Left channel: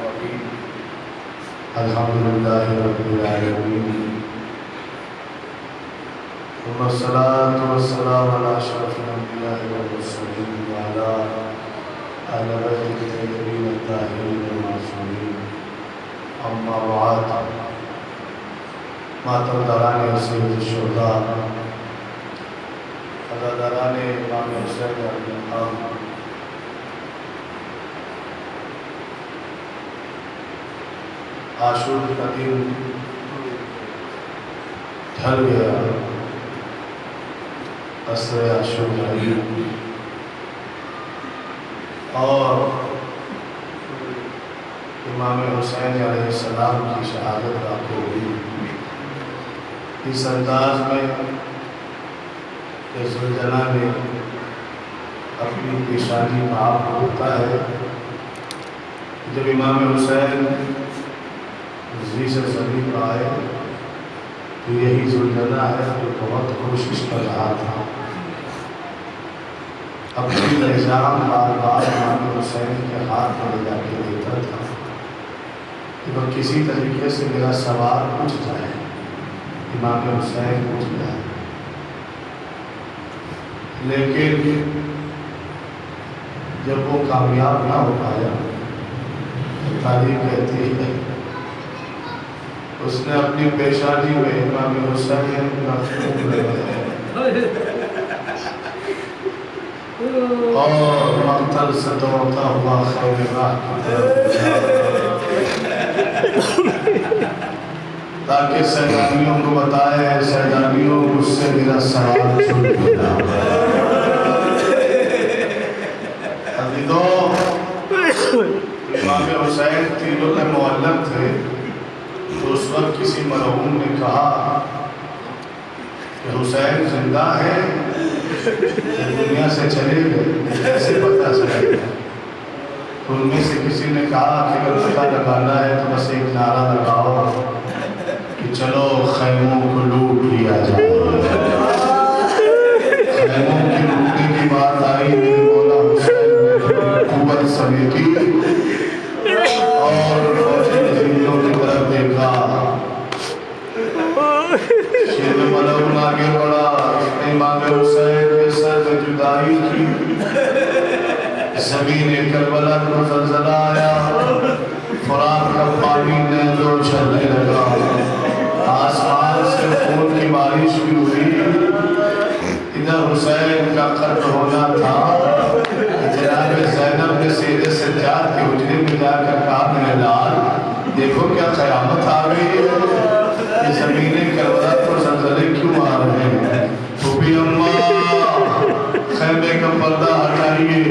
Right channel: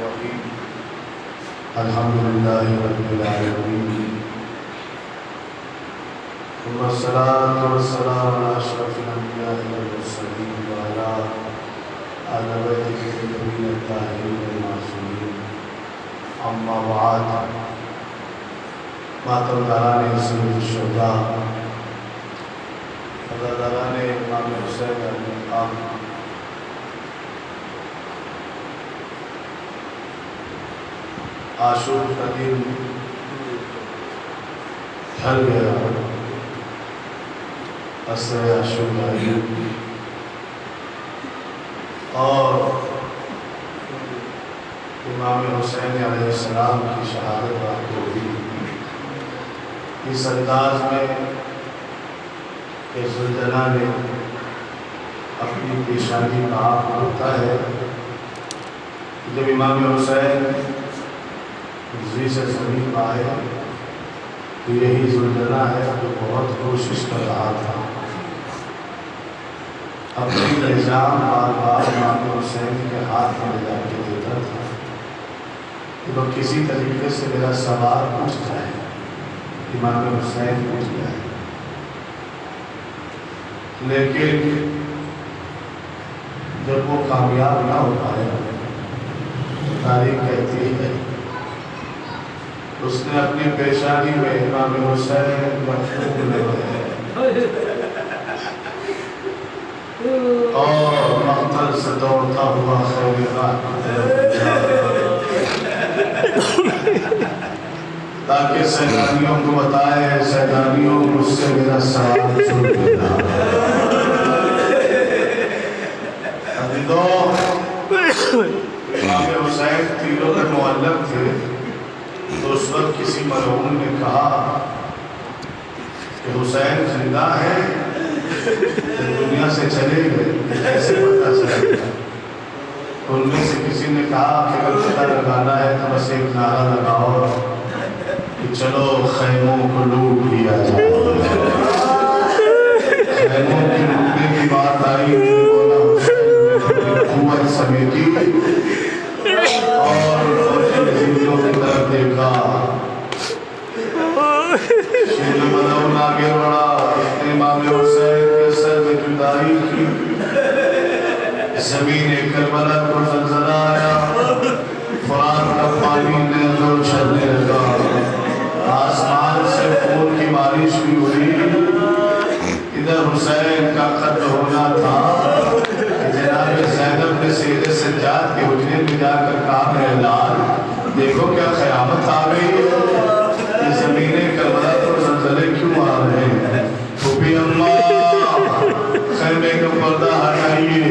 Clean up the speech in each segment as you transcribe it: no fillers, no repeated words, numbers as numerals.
रहीम अल्हम्दुलिल्लाहि रब्बिल आलमीन वस्सलातु वस्सलामु अला अशरफिल अंबिया'i वल मुरसलीन व अला आलिहि तय्यबीन अत्ताहिरीन व मासूमीन अम्मा बाद मातरदाराने सय्यद शुहदा अज़ादाराने इमाम हुसैन अलैहिस्सलाम आशूर का दिन ढल गया। असर आशूर आई और इमाम हुसैन अलैहिस्सलाम की शहादत रात को हुई। इस अंदाज में ज़ुलजना ने अपनी पेशानी में आप होता है। जब इमाम हुसैन जी से समीप आए तो यही ज़ुलजना है जो बहुत कोशिश कर रहा था। अपनी इल्ज़ाम बार बार इमाम हुसैन के हाथ में ले जाके देता था तो किसी तरीके से मेरा सवाल पूछ जाए, इमाम हुसैन पूछ जाए। लेकिन जब वो कामयाब ना हो पाया तो तारीख कहती है उसने अपनी पेशानी में इमाम हुसैन और मक़तल से दौड़ता हुआ खैर ताकि सैलानियों को बताए, सैलानियों मुझसे मेरा सवाल सुन लेना। अभी तो इमाम हुसैन तीरों में मुअल्लम थे तो उस वक्त किसी मरहूम ने कहा कि हुसैन जिंदा है, दुनिया से चले गए, कैसे पता चलेगा? तो उनमें से किसी ने कहा कि अगर पता लगाना है तो बस एक नारा लगाओ कि चलो खैमों को लूट लिया जाए। खैमों की लूटने की बात आई, मौला हुसैन ने हुकूमत समेटी और फौजियों की तरफ देखा। शेर मलऊन आगे बढ़ा, इसने इमाम हुसैन के सर में जुदाई की। ज़मीन करबला को ज़लज़ला आया, फुरात का पानी नैज़ों चलने लगा, आसमान से खून की बारिश भी हुई। इधर हुसैन का कत्ल होना था। जनाब ज़ैनब ने सीधे सज्जाद के हुजरे में जाकर कहा, मेरे लाल देखो क्या क़यामत आ गई है, ये ज़मीन करबला को ज़लज़ले क्यों आ रहे हैं? फूफी अम्मा खैमे का पर्दा हटाइए।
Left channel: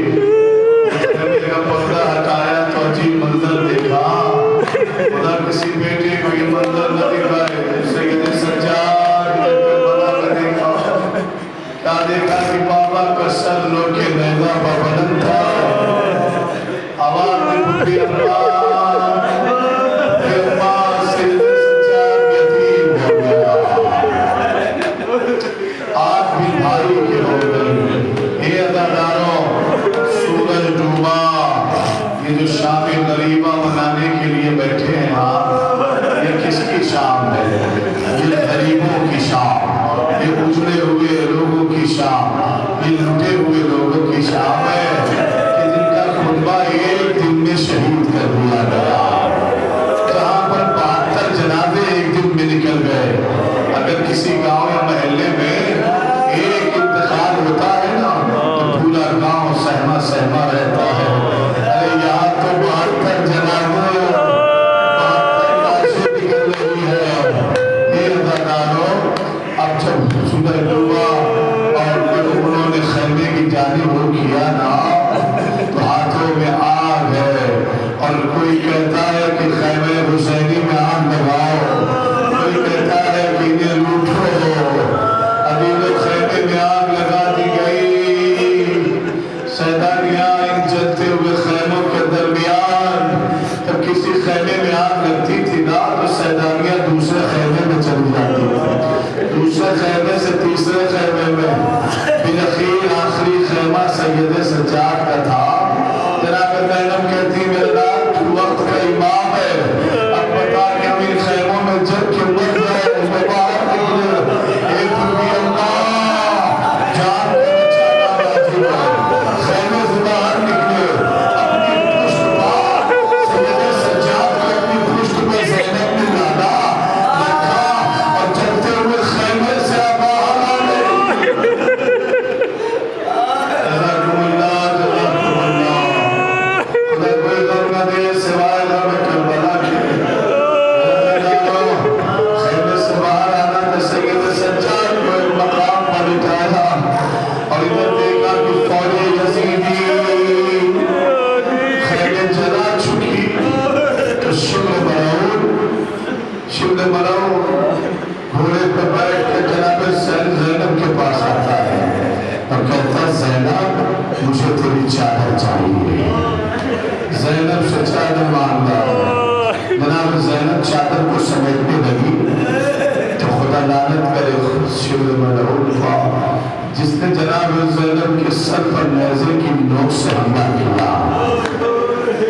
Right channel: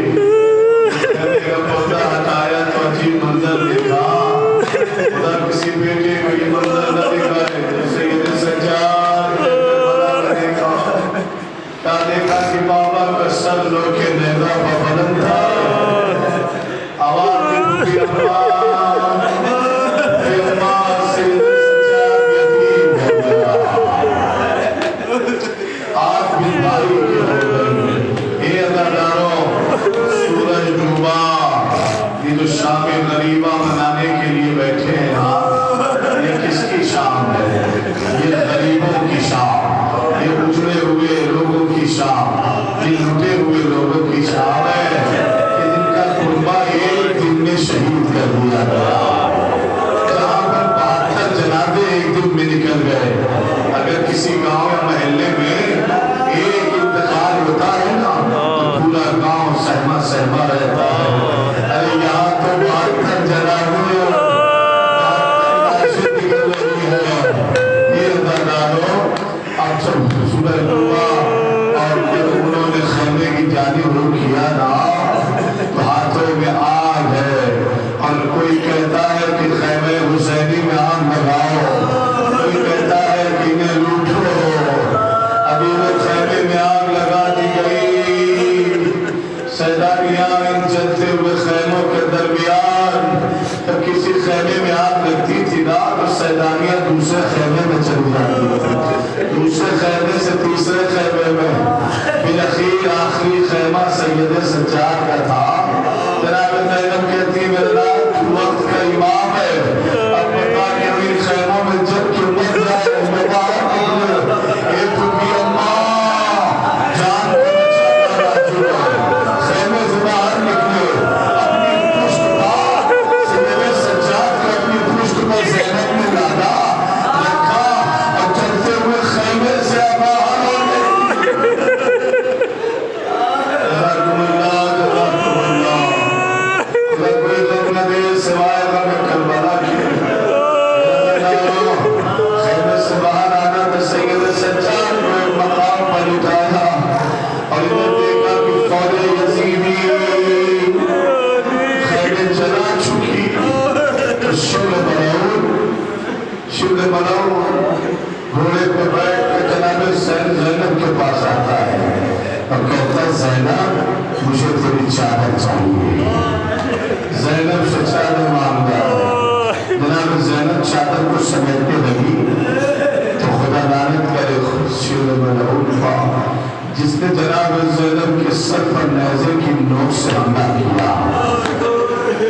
खैमे का पर्दा हटाया तो अजीब मंजर देखा। खुदा किसी बेटे को ये मंजर न दिखाए तो सैयद सज्जाद ने करबला का देखा। क्या देखा कि बाबा का सर लोके नैज़ा पर बुलंद था। आवाज़ दी फूफी अम्मा, सैयद सज्जाद यतीम हो गया, आज भी भाई के हो गई। ये अज़ादारों, सूरज डूबा, ये जो शाम गरीबा मनाने के लिए बैठे हैं आप, ये किसकी शाम है? ये गरीबों की शाम, ये उजड़े हुए लोगों की शाम, ये लुटे हुए लोगों की शाम है कि जिनका कुर्बा एक दिन में शहीद कर दिया गया। जहाँ पर 72 जनाजे एक दिन में निकल गए। अगर किसी गांव या महल्ले में एक इंतकाल होता है ना तो पूरा गांव सहमा सहमा रहता है। अरे यहाँ तो 72 जनाजे, 72 लाशें निकल रही है। ये ज़नारों, अब जब सूरज डूबा और जब उन्होंने खैमे की जानिब रुख किया ना तो हाथों में आग है और कोई कहता है कि खैमे हुसैनी में आग लगाओ, कोई कहता है कि इन्हें लूटो। अभी वो खैमे में आग लगा दी गई। सैलानियाँ इन जलते हुए खैमों के दरमियान जब किसी खैमे में आग लगती थी ना तो सैलानियाँ दूसरे खैमे में चली जाती थी, दूसरे खैमे से तीसरे खैमे में। बिलखीर आखिरी खैमा सैयद सज्जाद का था। जनाब ज़ैनब कहती मेरा वक्त का शिवने मनाओ घोड़े पर बैठ के जनाब ज़ैनब के पास आता है और कहता है ज़ैनब मुझे तेरी चादर चाहिए। ज़ैनब से चादर मांगता है। जनाब ज़ैनब चादर को समेटने लगी तो खुदा लानत करे शिवने मनाओ जिसने जनाब ज़ैनब के सर पर नेज़े की नोक से हमला किया।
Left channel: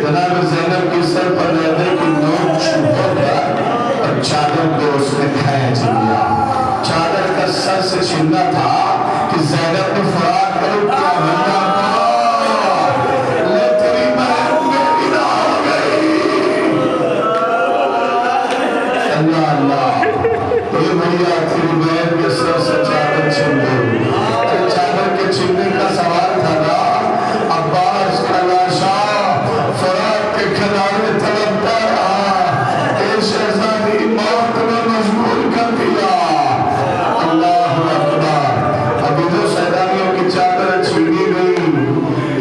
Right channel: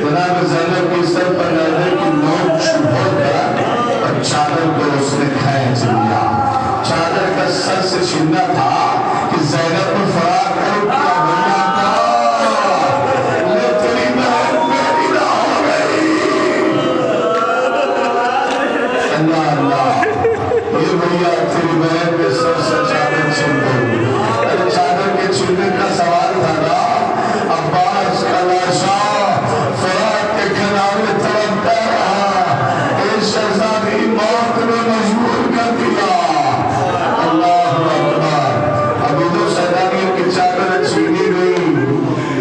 जनाब ज़ैनब के सर पर नेज़े की नोक छुपा गया और चादर को उसने खींच लिया। चादर का सर से छीना था कि ज़ैनब ने फरार कर क्या बना ले तेरी बहन मेरी ना हो गई। अल्लाह अल्लाह ये भैया तेरी बहन के सर से चादर छीन गई। चादर के छीनने का सवाल था ना। अब्बास का लाशा फरात के किनारे तड़पता रहा। एक शहजादी मौत ने मजबूर कर दिया। अल्लाह अकबर। अभी तो सैलानियों की चादर छीनी गई,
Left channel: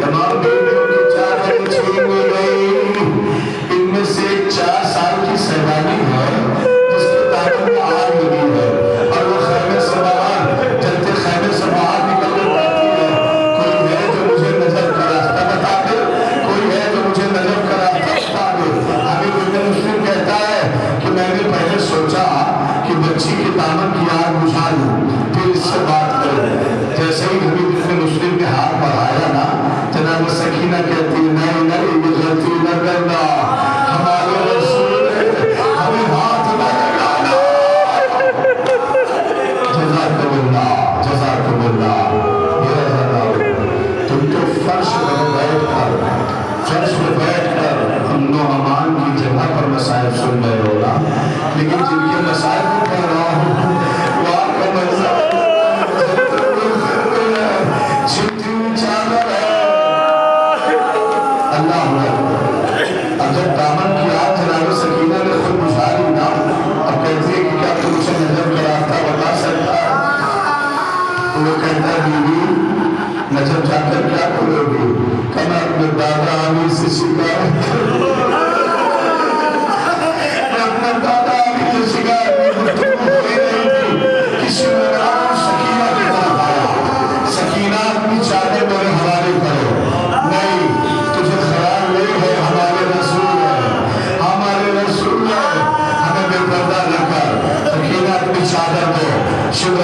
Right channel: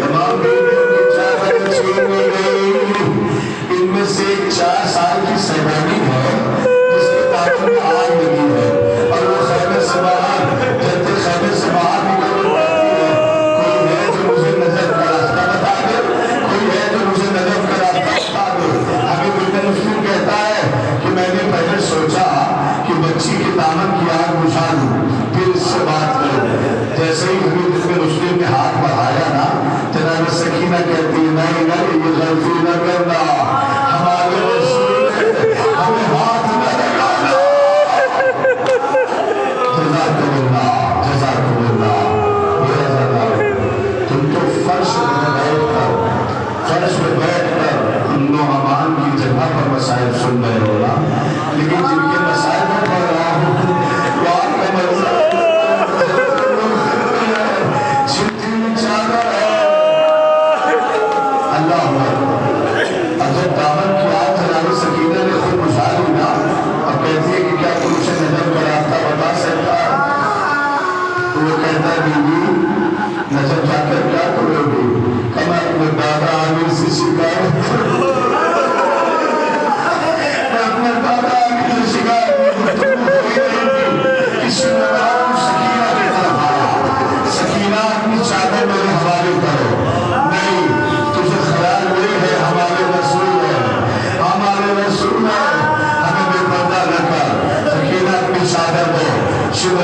तमाम बीवियों की चादर छीनी गई। इनमें से एक 4 साल की सैलानी है जिसके दांतों में आग लगी है और वो खैमे से बाहर जलते खैमे से बाहर निकल जाती है। कोई है जो मुझे नजर का रास्ता बता दे, कोई है जो मुझे नजर का रास्ता बता दे। अभी इब्न मुस्लिम कहता है कि मैंने पहले सोचा कि बच्ची के दामन की आग बुझा लूं फिर इससे बात करूं। जैसे ही हबीब इब्न मुस्लिम ने हाथ बढ़ाया ना जनाब सकीना कहती है नहीं नहीं ये गलती न करना, हमारे रसूल हमें हाथ न लगाना। जज़ाकल्लाह जज़ाकल्लाह। ये ज़रा तुम तो फर्श में बैठकर उन अमान की जगह पर मसाइल सुन रहे हो ना, लेकिन जिनके मसाइल में पढ़ रहा हूँ वो आपका मतलब जितनी चादर है। अल्लाह अगर दामन की आग जनाब सकीना ने खुद बुझा ली ना, अब कहती है कि क्या तुमसे नजर का रास्ता बता सकता है? वो कहता है बीवी नजर जाकर क्या करोगी? मैं अपने दादा आमिर से शिकायत अपने दादा आमिर से शिकायत किसी सकीना के तरफ आया। सकीना अपनी चादर मेरे हवाले करो। नहीं तुझे ख्याल ये है हमारे रसूल है, हमारे रसूल है, हमें बेपर्दा न कर। सकीना अपनी चादर दो। शिव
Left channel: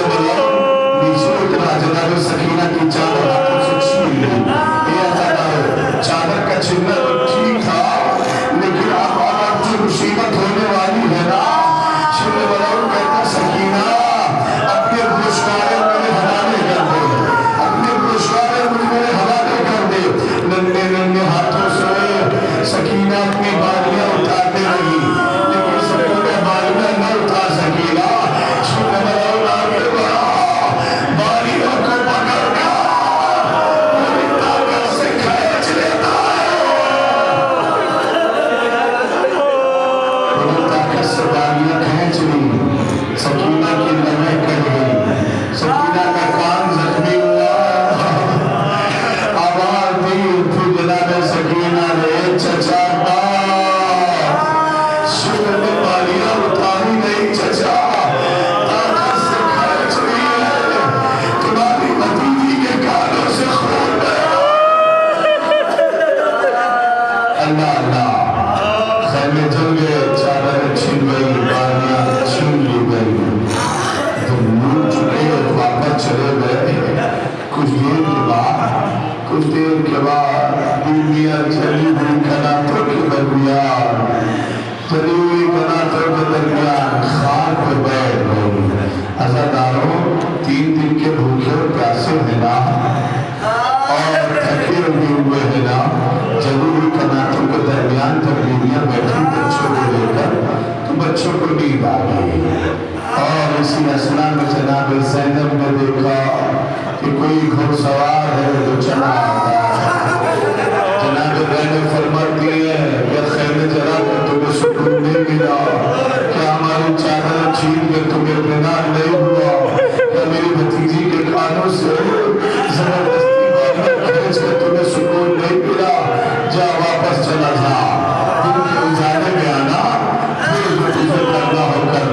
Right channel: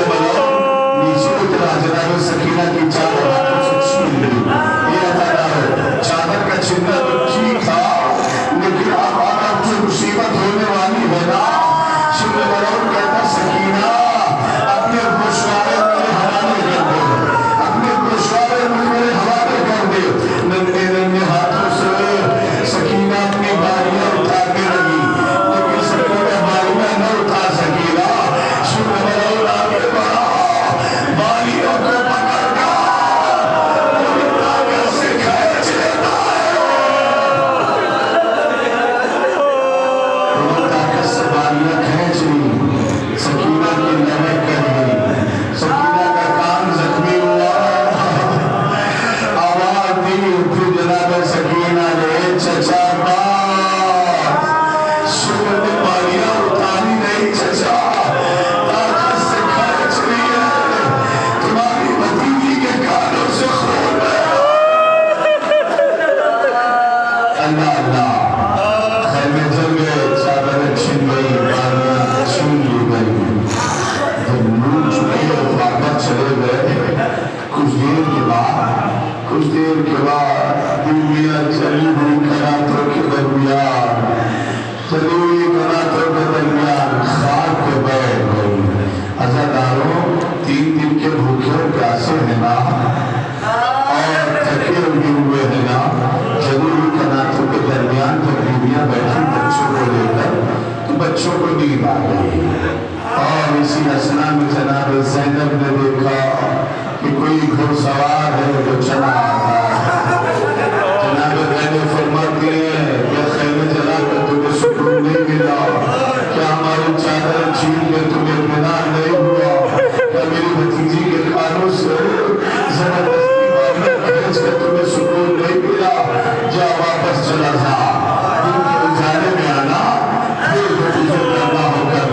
नीचे उतरा जनाब सकीना की चादर चादर का चिन्ह ठीक था, लेकिन अब जो मुसीबत होने वाली है ना, शिव कहता सकीना अपने गोशवारे मेरे हवाले कर दे, अपने गोशवारे मेरे हवाले कर दे। नन्हे नन्हे हाथों से सकीना अपनी बालियां उठाने लगी, लेकिन सकीना बालियां न उठा सकीना। शिव आगे बढ़ा, बालियों को पकड़ना से खींच लेता है। खींच ली, सकीना की नजर कट गई, सकीना का कान जख्मी हुआ। आवाज दी फिर जनाब सकीना ने चचा शिव ने बालियां उतारी नहीं चचा, ताकत से खींच ली है, तुम्हारी भतीजी के कानों से खून बहा। अल्लाह अल्लाह खैमे जल गए, चादर छीन गई, बालियां छीन ली गई, जब लूट चुके और वापस चले गए। कुछ देर के बाद बीवियां चली हुई कनातों के दरमियान खाक पे बैठ गई। अज़ादारों 3 दिन के भूखे और प्यासे हैं ना और थके हुए हैं ना, जली हुई कनातों के दरमियान जब बीवियां बैठी बच्चों को लेकर तो बच्चों को नींद आ गई। और इसी असना में जनाब ज़ैनब ने देखा कि कोई घुड़सवार है जो चला जनाब ज़ैनब फरमाती है कि खैमे जला कर तुम्हें सुकून नहीं मिला, क्या हमारी चादर छीन के तुम्हें इत्मीनान नहीं हुआ, क्या मेरी भतीजी के कानों से जबरदस्ती बालियां खींच कर तुम्हें सुकून नहीं मिला? जा वापस चला जा, इनके उजाले में आना फिर करना होकर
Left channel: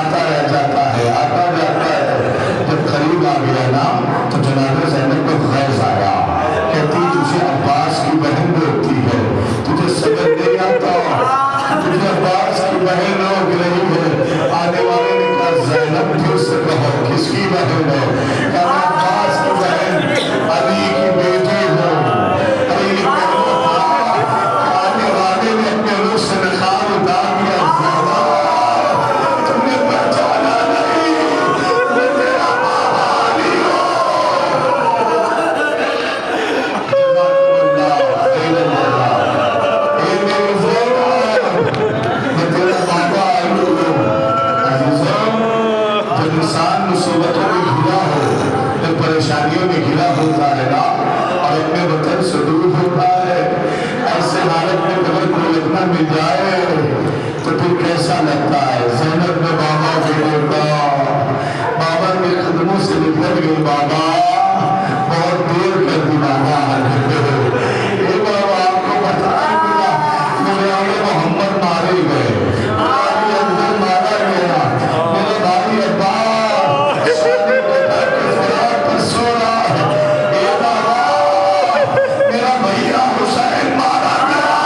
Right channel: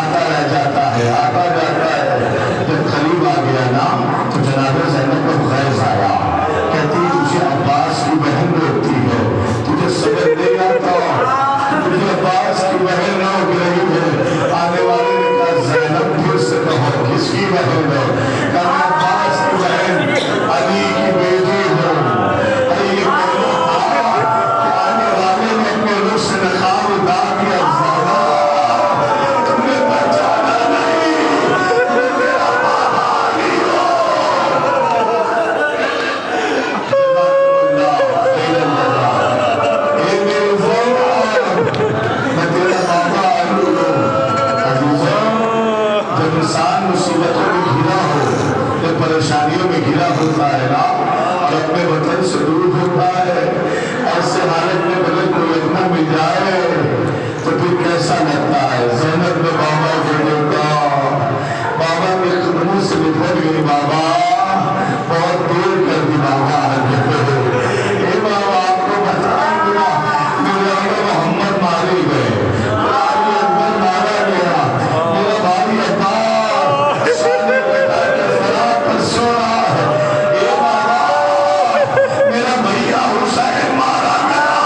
आता रह जाता है, आता जाता है। जब करीब आ गया ना तो जनाब ज़ैनब को खैर आया, कहती तुझे अब्बास की बहन रोकती है, तुझे समझ नहीं आता, तुझे अब्बास की बहन रोक रही है। आने वाले ने कहा ज़ैनब फिर से कहो किसकी बहन है? कहा अब्बास की बहन, अली की बेटी हो। अली आने वाले ने अपने रूह से नकाब उतार दिया, तुमने पहचाना नहीं, मैं तेरा बाबा अली हूँ। जब इंसान मुसीबतों में घिरा हो, जब परेशानियों में घिरा होता है ना और अपने वतन से दूर होता है, ऐसे हालत में अगर कोई अपना मिल जाए तो फिर कैसा लगता है? ज़ैनब में बाबा को बोलता, बाबा के कदमों से निकल गई, बाबा बहुत देर कर दी बाबा। ये बाबा आपको बताएंगे ना, मेरे आगे मोहम्मद मारे गए, मेरा अंदर मारा गया, मेरा भाई अब्बास शादी पे जाकर फरार कर सो रहा है। ये बाबा मेरा भैया हुसैन मारा गया।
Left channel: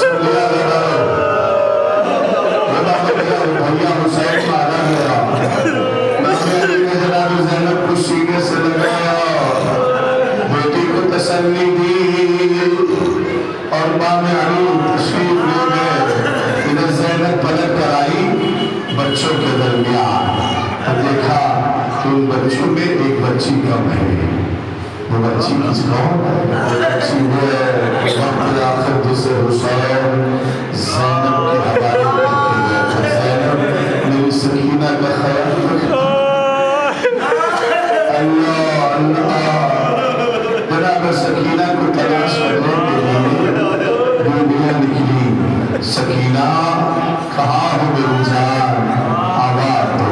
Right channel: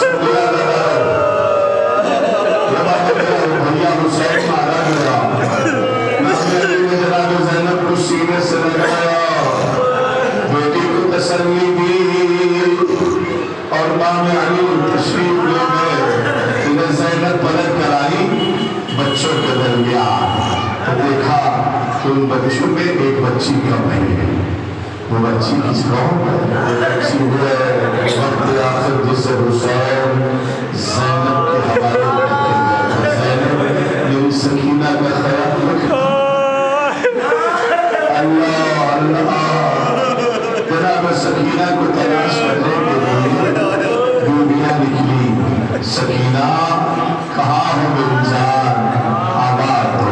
सुन लिया जरा, ये बात मेरा भैया हुसैन मारा गया। मैंने जनाब ज़ैनब को सीने से लगाया, बेटी को तसल्ली दी और माँ अली तशरीफ ले गए। इधर ज़ैनब पलट कर आई बच्चों के दरमियान, देखा कि उन बच्चों में एक बच्ची कम है। वो बच्ची किसको? वो बच्ची है वक्त आखिर जिसे हुसैन ज़ैनब के हवाले करके गया था। ज़ैनब मेरी सकीना का ख्याल रखना। अल्लाह अल्लाह, जनाब सकीना को तलाश करने के लिए बीबियाँ निकली। सकीना कहाँ हो मेरी जान, आवाज़ दो,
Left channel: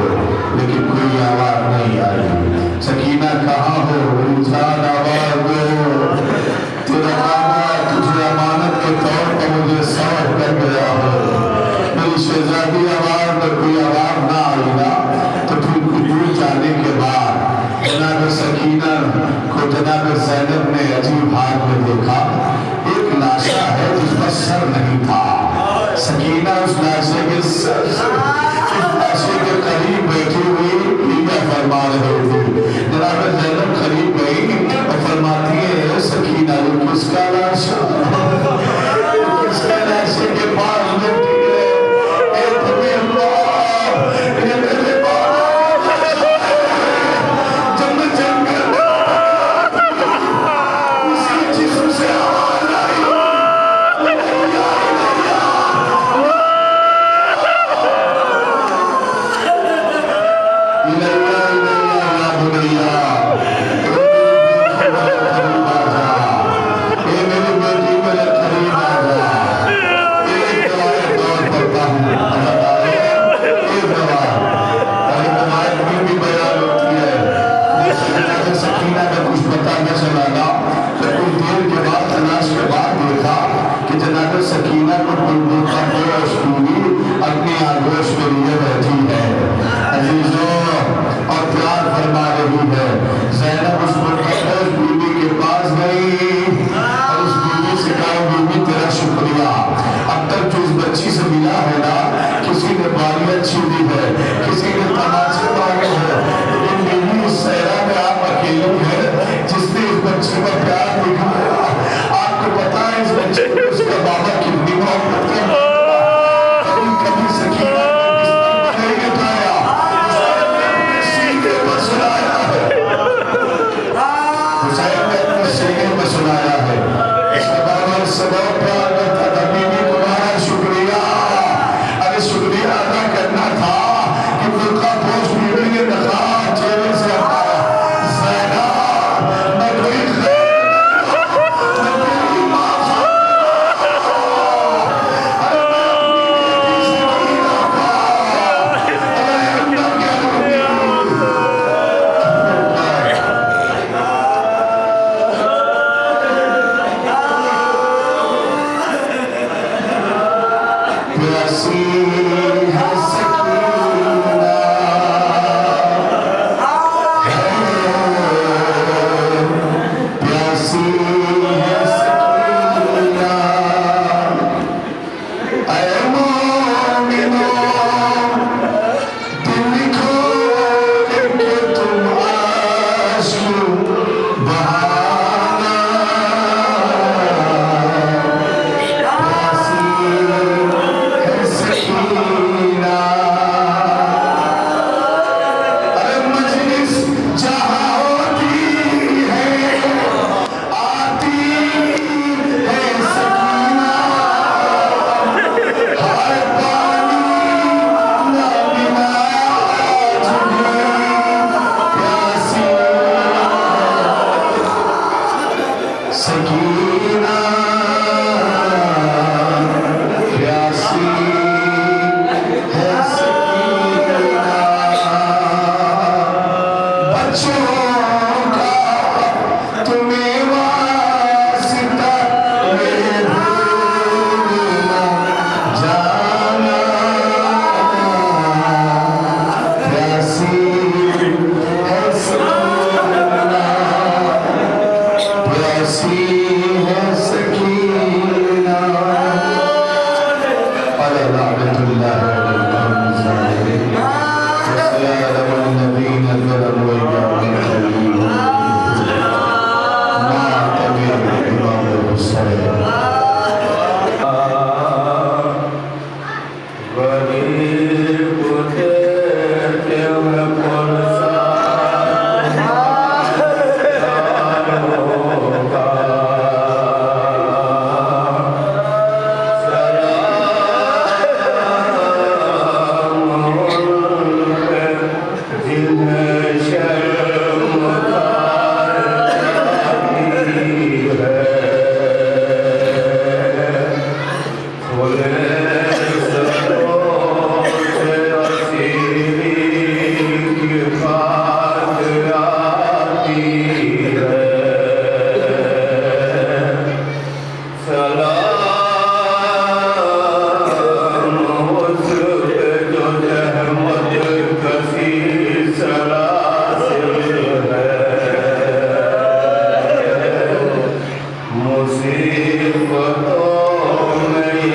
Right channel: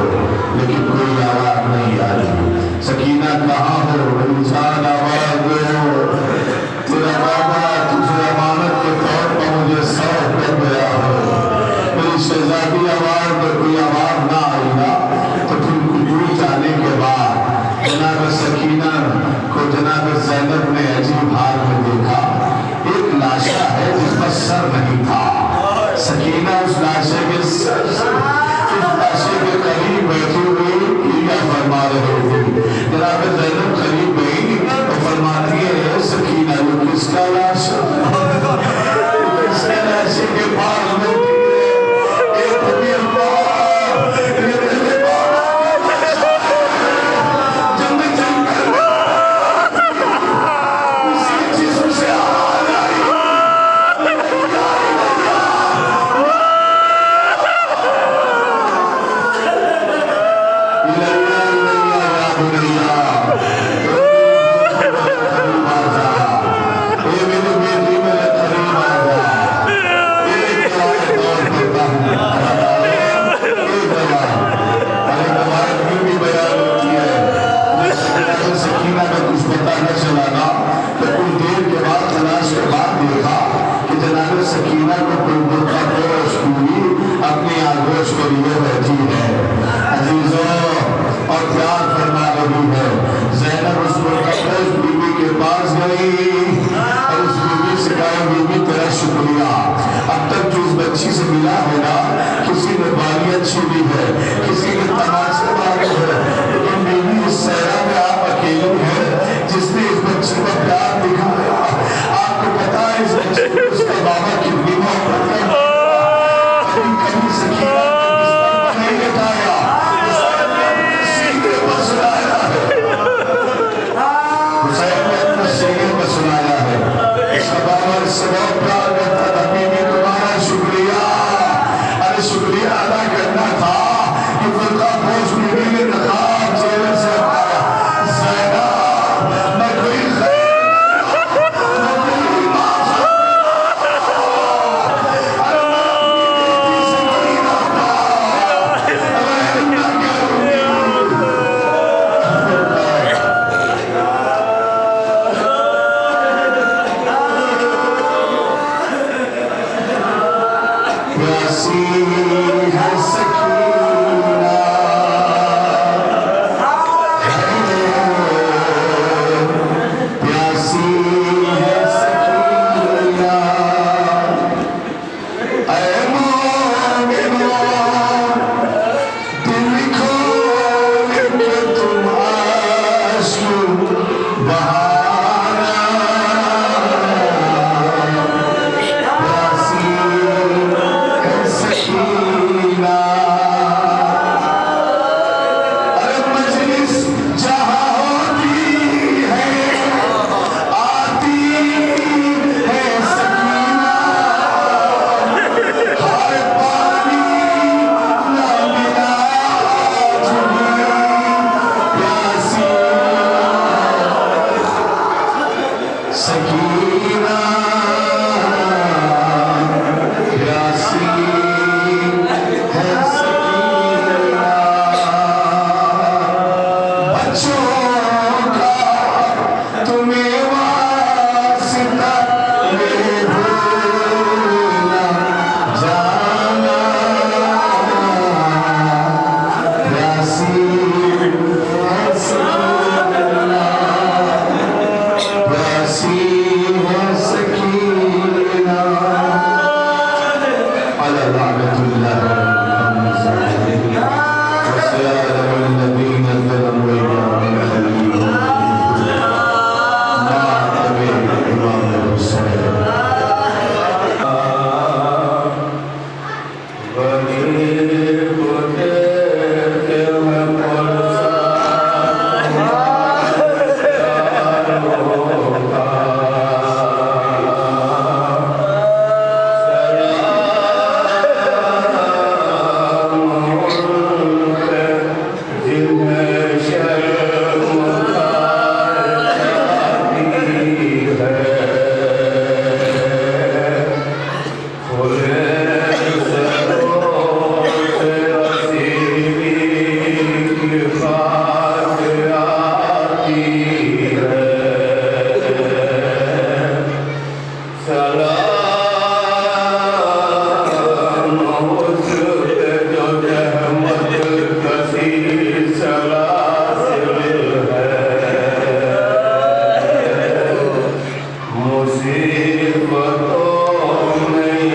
लेकिन कोई आवाज़ नहीं आई। सकीना कहाँ हो मेरी जान, आवाज़ दो। तेरा बाबा तुझे अमानत के तौर पर मुझे सौंप कर गया है। मेरी शहजादी आवाज़ में कोई आवाज़ ना आई ना तो फिर दूर जाने के बाद जनाब सकीना को जनाब ज़ैनब ने अजीब हाल में देखा। एक लाशा है जिसका सर नहीं था। सकीना उस लाशे के सर उस लाशे के करीब बैठी हुई क्या फरमा रही थी। जनाब ज़ैनब करीब गई और फरमाती है सकीना ये किसका लाशा, किसके लाशे के पास मिलती है? एक भी अल्लाह, ये मेरे बाबा जब मैं जंगल में उसी जिस्म से आवाज आई, भैया भैया सकीना को कोई बोलता अपनी आगोश के लिए बैठी है अजीजों और प्यार फरमा रही है। ज़ैनब उस बीवी के पास गई और उस बीवी से कहा बीवी तेरा शुक्रिया, अब तक जो इस बच्ची से मिला है ना, किसी ने बालियां छीनी है, किसी ने तमाचे मारे हैं, लेकिन बीवी इस सहरा में आप अकेली है जिसने इस बच्ची का प्यार दिखाया। आपको पता है इस बच्चे को उसका बाबा कितनी मोहब्बत करता है। प्यासी है सकीना, प्यासी है सकीना, ऐ मोमिनो दिल खोल के तुम आंसू बहाना, प्यासी है सकीना। अरे मजलिस जहाँ होती है आती है सकीना, हाय पानी ना मिला तुझे प्यासी सकीना, प्यासी है सकीना। बच्चों का तुम्हें वास्ता ये भूलना जाना, प्यासी है सकीना, प्यासी है सकीना। अला लानतुल्लाह मुसीबतों में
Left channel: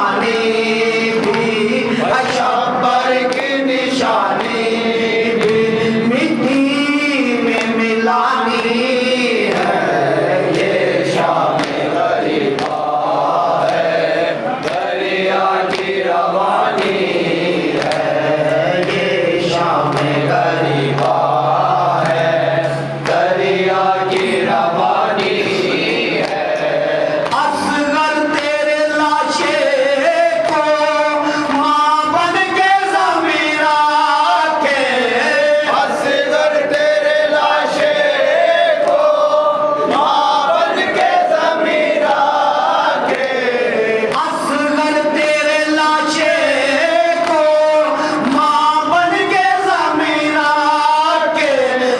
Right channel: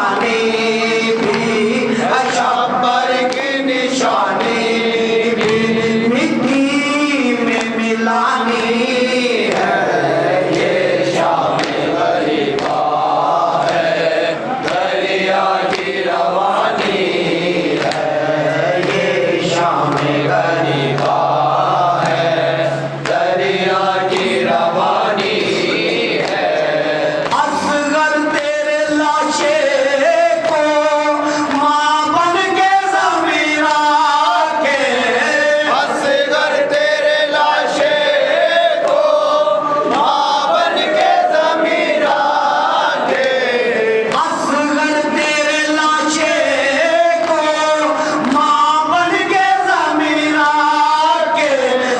निशानी भी, शब्बर की निशानी भी मिट्टी में मिलानी है। ये शाम गरीबा है, दरिया की रवानी है। ये शाम गरीबा है, दरिया की रवानी है। असगर तेरे लाशे को माँ बन के ज़मीरा के, असगर तेरे लाशे को माँ बन के ज़मीरा के, असगर तेरे लाशे को माँ बन के ज़मीरा के।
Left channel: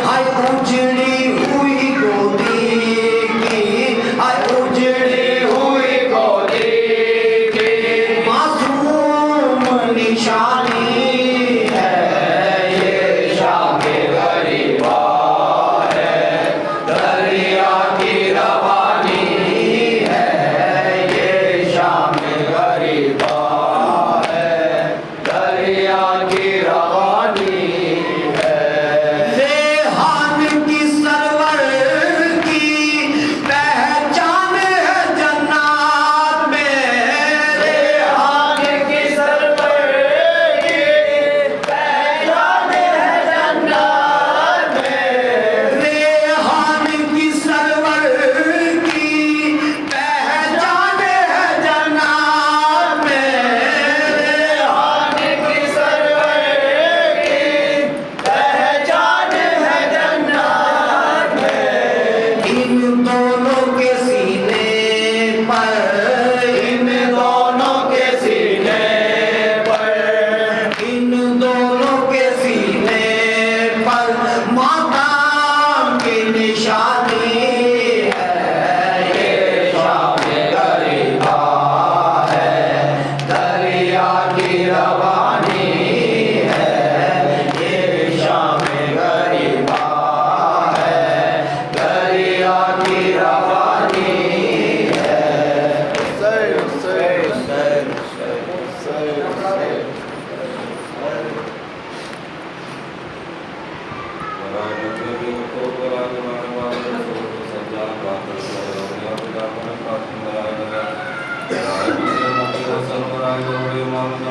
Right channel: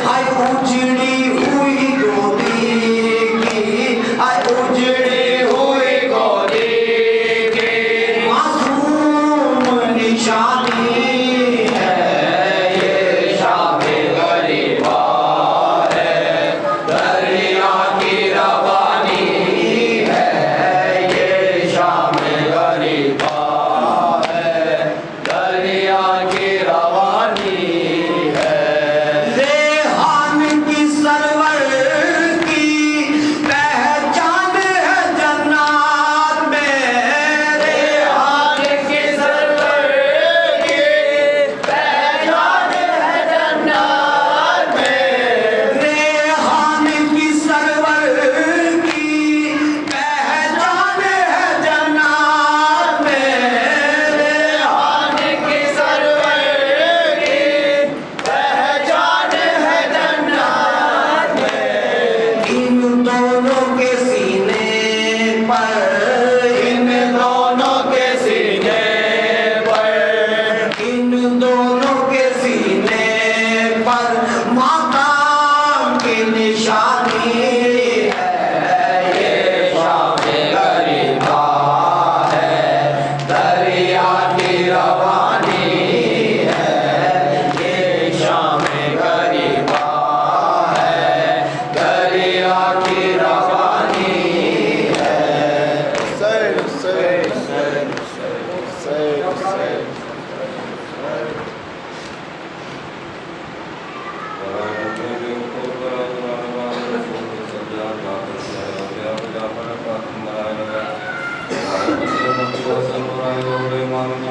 हाय उजड़ी हुई गोदी की, हाय उजड़ी हुई गोदी की मासूम निशानी है। ये शाम गरीबा है, दरिया की रवानी है। ये शाम गरीबा है, दरिया की रवानी है। रेहान की सरवर की पहचान है जन्नत में। रेहान की सरवर की पहचान है जन्नत में। रेहान की सरवर की पहचान है जन्नत में। रेहान की सरवर की पहचान है जन्नत में। इन दोनों के सीने पर, इन दोनों के सीने पर, इन दोनों के सीने पर मातम की निशानी है। ये शाम गरीबा है, दरिया की रवानी है। ये शाम गरीबा है, दरिया की रवानी है। सर्वराय गौड़े मानव